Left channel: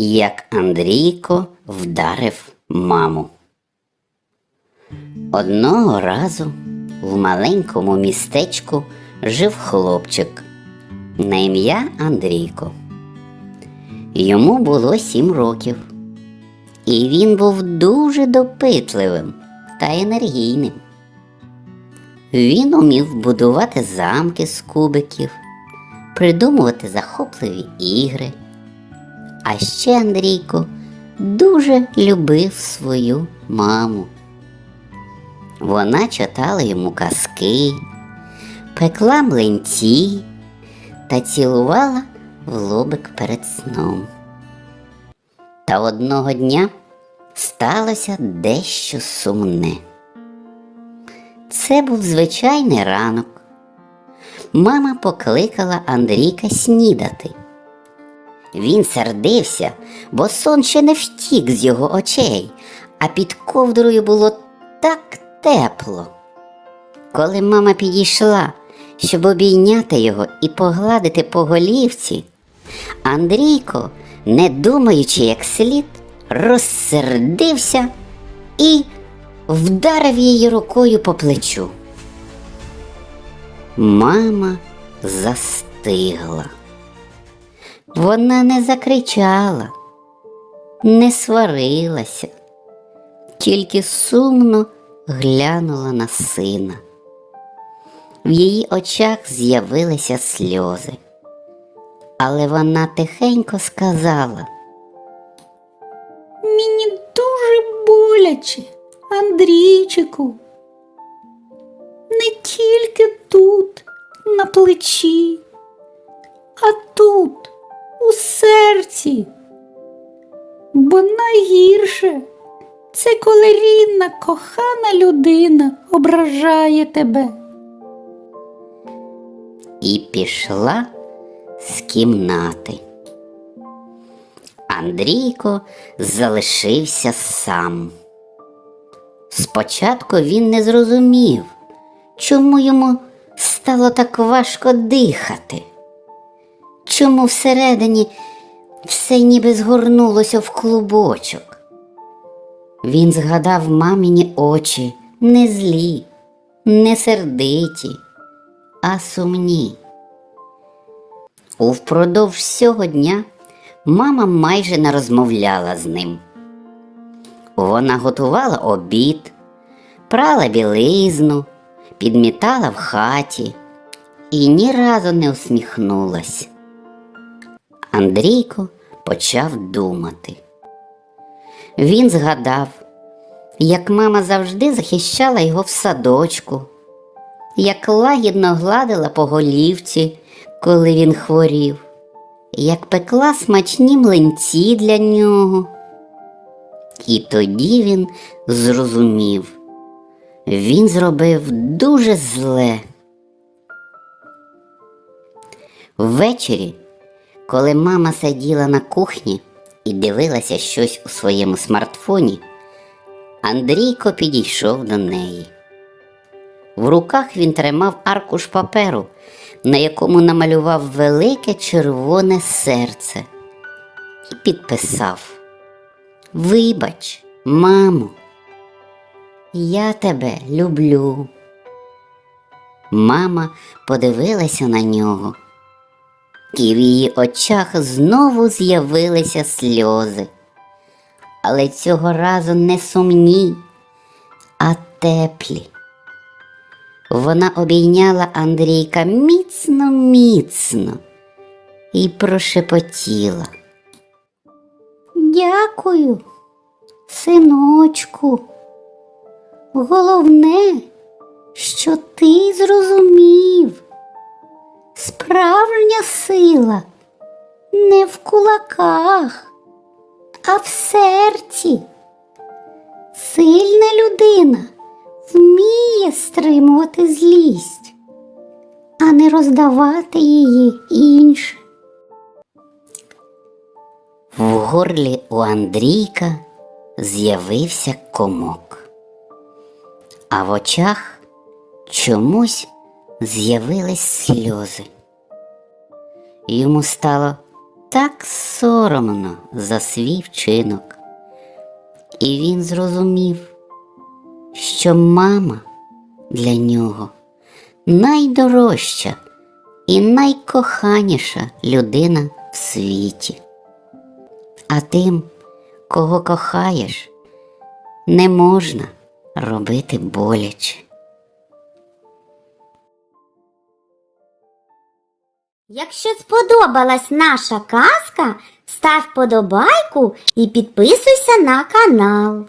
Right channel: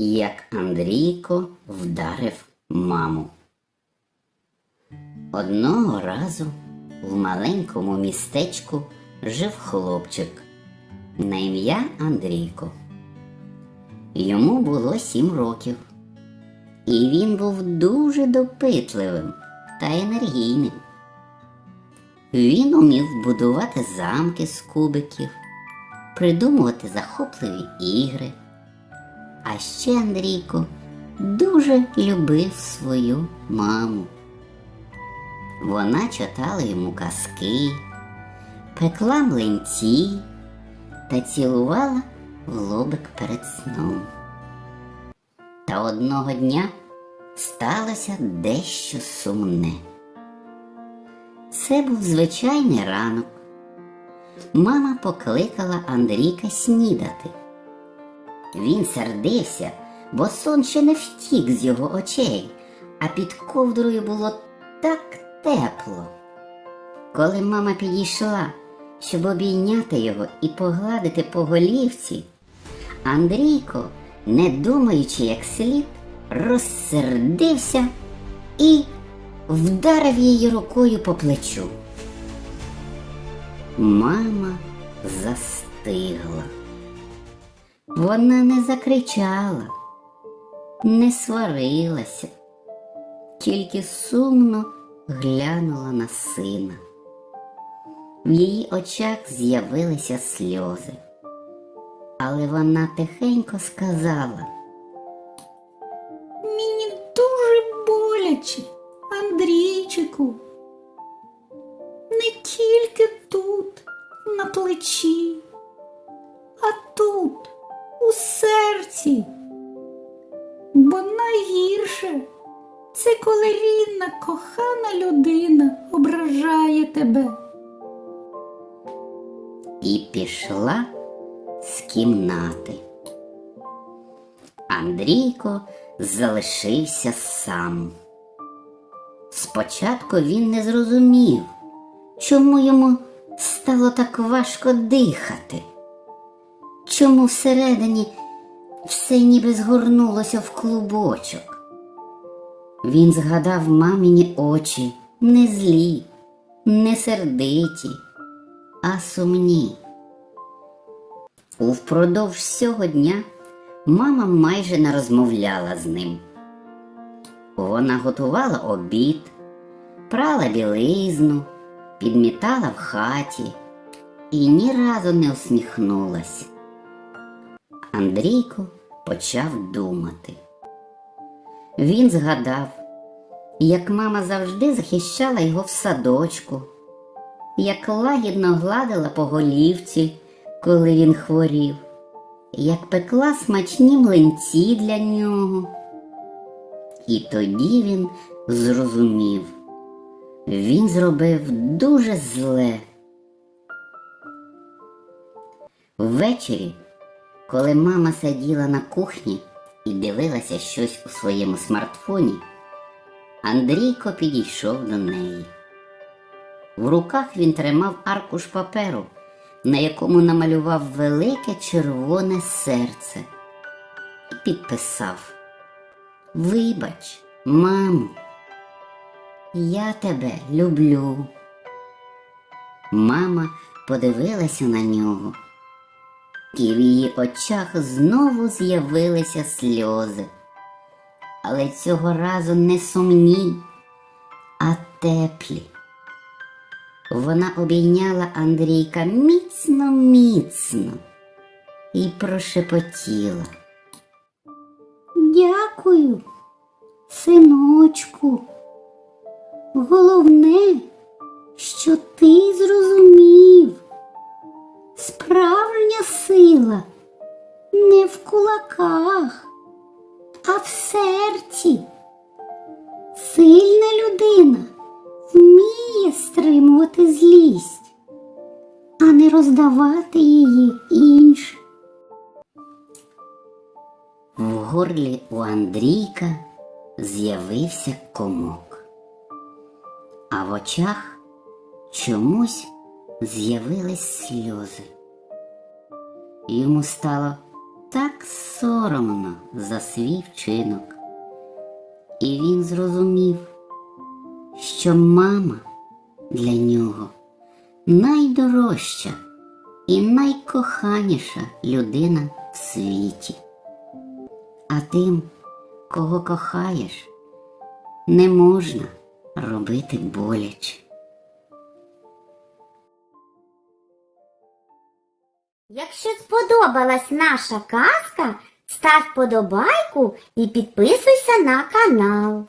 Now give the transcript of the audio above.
як Андрійко вдарив маму. Одного разу в маленькому містечку жив хлопчик на ім'я Андрійко. Йому було сім років, і він був дуже допитливим та енергійним. Він умів будувати замки з кубиків, придумувати захопливі ігри. А ще Андрійко дуже любив свою маму. Вона читала йому казки, пекла млинці та цілувала в лобик перед сном. Та одного дня сталося дещо сумне. Це був звичайний ранок. Мама покликала Андрійка снідати. Він сердився, бо сон ще не втік з його очей, а під ковдрою було так тепло. Коли мама підійшла, щоб обійняти його і погладити по голівці, Андрійко, не думаючи як слід, розсердився і вдарив її рукою по плечу. Мама застигла. Вона не закричала, не сварилася, тільки сумно глянула на сина. В її очах з'явилися сльози, але вона тихенько сказала. Мені дуже боляче, Андрійчику. Не тільки тут, на плечі, серці. Бо найгірше це коли рідна, кохана людина ображає тебе. і пішла з кімнати. Андрійко залишився сам. Спочатку він не зрозумів, чому йому стало так важко дихати, чому всередині все ніби згорнулося в клубочок. Він згадав маміні очі не злі, не сердиті, а сумні. Впродовж всього дня мама майже не розмовляла з ним. Вона готувала обід, прала білизну, підмітала в хаті і ні разу не усміхнулась. Андрійко почав думати. Він згадав, як мама завжди захищала його в садочку, як лагідно гладила по голівці, коли він хворів, як пекла смачні млинці для нього. І тоді він зрозумів, він зробив дуже зле. Ввечері, коли мама сиділа на кухні і дивилася щось у своєму смартфоні, Андрійко підійшов до неї. В руках він тримав аркуш паперу, на якому намалював велике червоне серце і підписав Вибач, мамо, я тебе люблю. Мама подивилася на нього, і в її очах знову з'явилися сльози. Але цього разу не сумні, а теплі. Вона обійняла Андрійка міцно, міцно і прошепотіла. Дякую, синочку. Головне, що ти зрозумів. Справжня сила не в кулаках, а в серці. Сильна людина вміє стримувати злість, а не роздавати її іншим. В горлі у Андрійка з'явився комок, а в очах чомусь з'явились сльози. Йому стало так соромно за свій вчинок. І він зрозумів, що мама для нього найдорожча і найкоханіша людина в світі. А тим, кого кохаєш, не можна робити боляче. Якщо сподобалась наша казка, став подобайку і підписуйся на канал.